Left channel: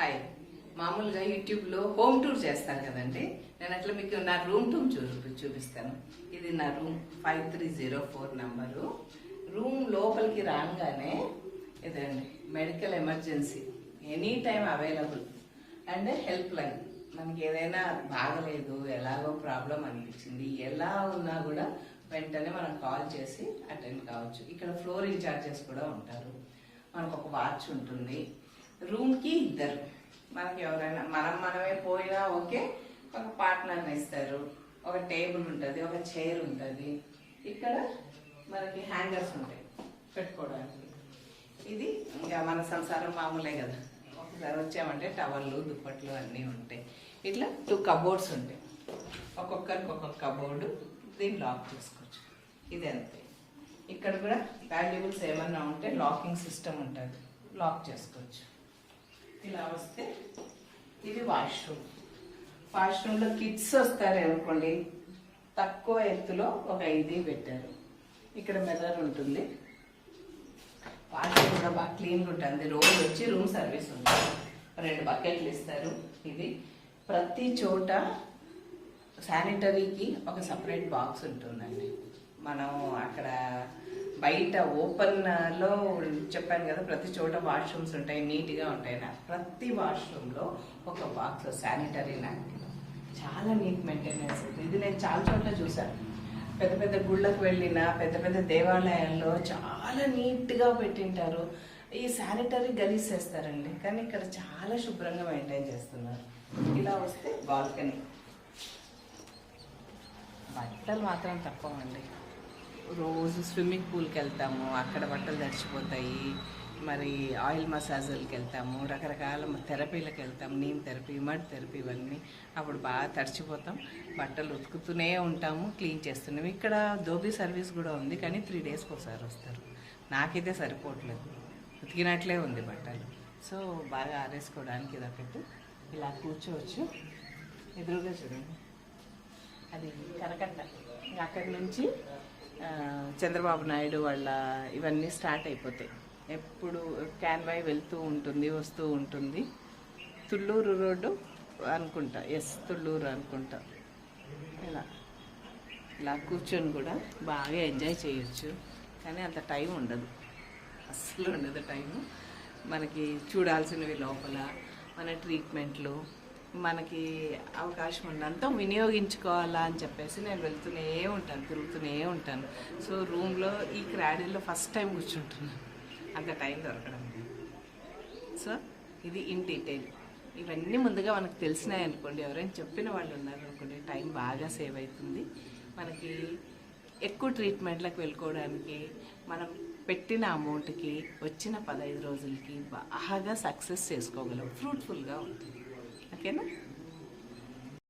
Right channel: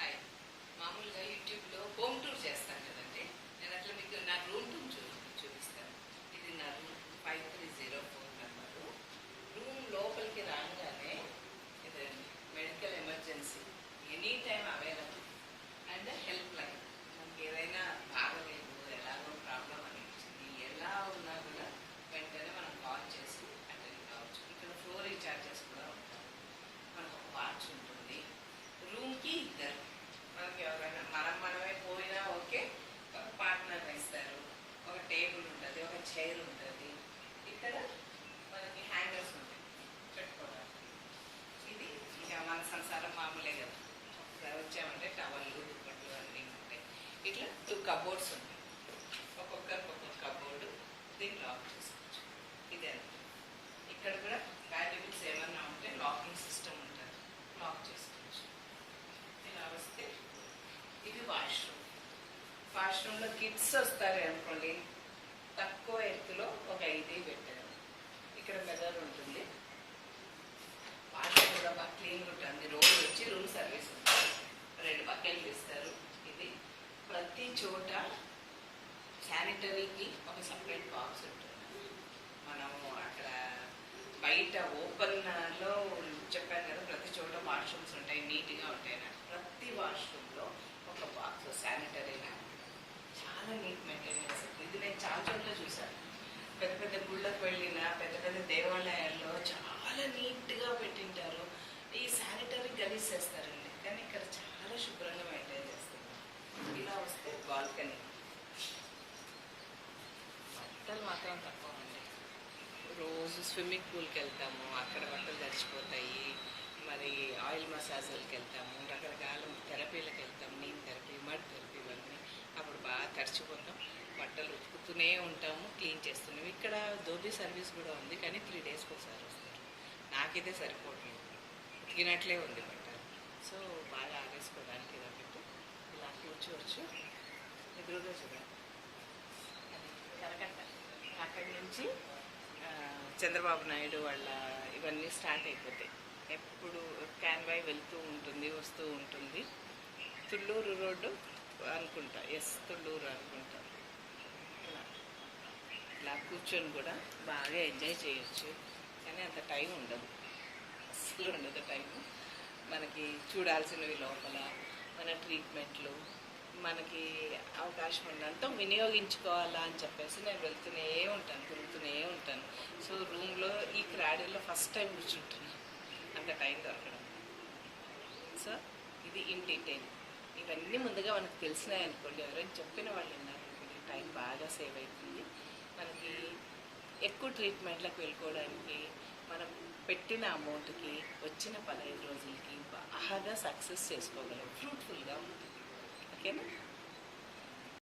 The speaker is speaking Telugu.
హాయ్ మామూలుగా యూట్యూబ్లో హోమ్ టూర్ చేస్తాను కదండి. నేను అట్లా మీకు నా రూమ్ టూర్ చూ చూపిస్తాను. ఇది నా room five three zero four number. Room లోపలికి రాగానే ఇదండి medical emergency. Any time available. And help line. మనకి ఏదైనా బాగలేదు ఎలాగో ప్రాబ్లం అనిపించింది ఎలా ఉన్నా కూడా వెంటనే మనం కాల్ చేసి అటెండ్ కావచ్చు. ఇక్కడ ఫ్లోర్ ఇన్ఛార్జెస్ కూడా ఉంటారు. మనకు ఒక వాచ్ ఉంటుంది. రూమ్కి ఇద్దరు. మనకి ఎవరైనా మనం మనమే పోయినా ఓకే ఒక పార్ట్నర్ని ఇస్తారు ఒక టేబుల్ ఉంటుంది ఒక చైర్ ఉంటుంది. ఇక్కడ మనకి హ్యాంగర్స్ ఉంటాయి పెట్టుకోవడానికి. ఇది ఇంకా మన సంసారం మామూలే కదా. ఒకసారి వచ్చామంటే టవల్లు దుప్పట్లు అన్నీ ఉంటాయి. ఇట్లా టూ కబోర్డ్స్ ఉంటాయి. ఒక్కొక్కరికి ఒక్కొక్క కబోర్డు దీన్ని లాక్ చేసుకోవచ్చు. ఇది అంతే. ఇక్కడ కూడా వాల్యుబుల్స్ ఏమన్నా ఉంటే లాకింగ్ సిస్టమ్ ఉంటుంది. లాక్ చేసుకోవచ్చు. ఇలా వస్తే ఇది వాష్రూమ్. వాష్రూమ్లో కిడ్స్ వస్తారు అనుకోండి తక్కువ ఎత్తులో ఒక ఇది పెట్టారు. ఇక్కడ మెదర్ ఉంటుంది. వాష్రూమ్ కూడా బాగా క్లీన్గా ఉంటుంది. రోజు వచ్చి రూమ్ సర్వీస్ ఉంటుంది. రెండు బకెట్లు ఇస్తారు ఇది. ప్రతి చోట శానిటరీకి ఒక సపరేట్ బాక్స్ ఉంటుందండి. మనం అక్కడ బయట ఓపెన్లో చెప్పాను కదా ప్రతి చోట వాష్రూమ్స్ ఉంటాయి నీట్గా ఉంటాయి నాకు ప్రతి వాష్రూమ్లో ఒక బాక్స్ శానిటరీ నాకు చాలా నీట్ మెయింటెనెన్స్. ఇది నేను చాలా చోట్ల చూసాను పెద్ద పెద్ద గుళ్ళకు వెళ్ళిన పెద్ద పెద్ద దేవాలయాల్లో చాలా నీట్గా పెట్టింటారు. ఈ శానిటరీ గలీసేస్తారండి కానీ ఇక్కడ చాలా శుభ్రంగా మెయింటైన్ చేస్తున్నారు. ఇలా వస్తే బాల్కనీ. బట్టలు మాత్రం తక్కువ అండి. రోజు స్విమ్మింగ్ పూల్కి వెళ్తాము అక్కడ బట్టలు తడిచిపోతాయి మరి ఆయిల్ మసాజులకి వెళ్తాము రకరకాల థెరపీలకు వెళ్తాం నీమ్ థెరపీ మడ్ థెరపీ ఇవన్నీ అప్పుడు బాగా తడిచిపోతాం బట్టలు ఉతుకుతూనే ఉంటాము క్లీన్ చేస్తున్నాం. ఇక్కడ దోబీ సర్వీస్ కూడా ఉంది కానీ త్రీ డేస్కి ఒకసారి వస్తారు. నాకైతే సరిపోవట్లేదు. ఉతికినట్లే ఉంది బట్టలు. సో బాగా ఆరేసుకోవడానికి ఇది ఒకటి. ఇలా కూర్చోవచ్చు. ఎదురుగా చూడండి. అది కనకట్ట అక్కడి నుంచి చంద్రబాబు నాయుడు వాళ్ళ ఇవన్నీ స్టార్ట్ అయిపోతాయి. ఎప్పుడు క్యాన్వాయ్ వెళ్తూ ఉంటుంది వస్తూ ఉంటుంది. తుళ్ళూరు రోడ్డు అనుకుంటా. ఎస్ తుళ్ళూరు అనుకుంటా. ఇలా. ఇలా కూర్చొని కూడా బాగా ఎంజాయ్ చేయొచ్చు. కానీ అంత టైం ఉండదు. అస్సలు ఉండదు టైము. మనకి చూడాల్సినవి లోపల మన ట్రీట్మెంట్లు మనకి అవకాశం ఉన్నంత వినియోగించుకోవాలా అని చెప్పేసి నేను వెళ్తూనే ఉంటాను తిరుగుతూనే ఉంటాను. సో రూమ్లో ఈ క్రాడీలో ఫస్ట్ టైం కూర్చుంటున్నాను అంత టైం దొరకడం. సో ఇది ఇన్ డీటెయిల్. ఇవన్నీ ముందుగా మనకు తెలిసినాయి అనుకోండి. ఎవరైనా చెప్పిన వాళ్ళు ఉన్నారు అనుకోండి టైం బాగా సేవ్ అవుతుంది. మనకి ఎక్కువ ట్రీట్మెంట్లకు వెళ్ళుకోవడానికి మనం పెట్టిన అమౌంట్కి వచ్చిన పదహైదు రోజులకి బాగా సక్సెస్ చేసుకోగలం. ఫ్రూట్ఫుల్గా ఉంటుంది. ओके ना?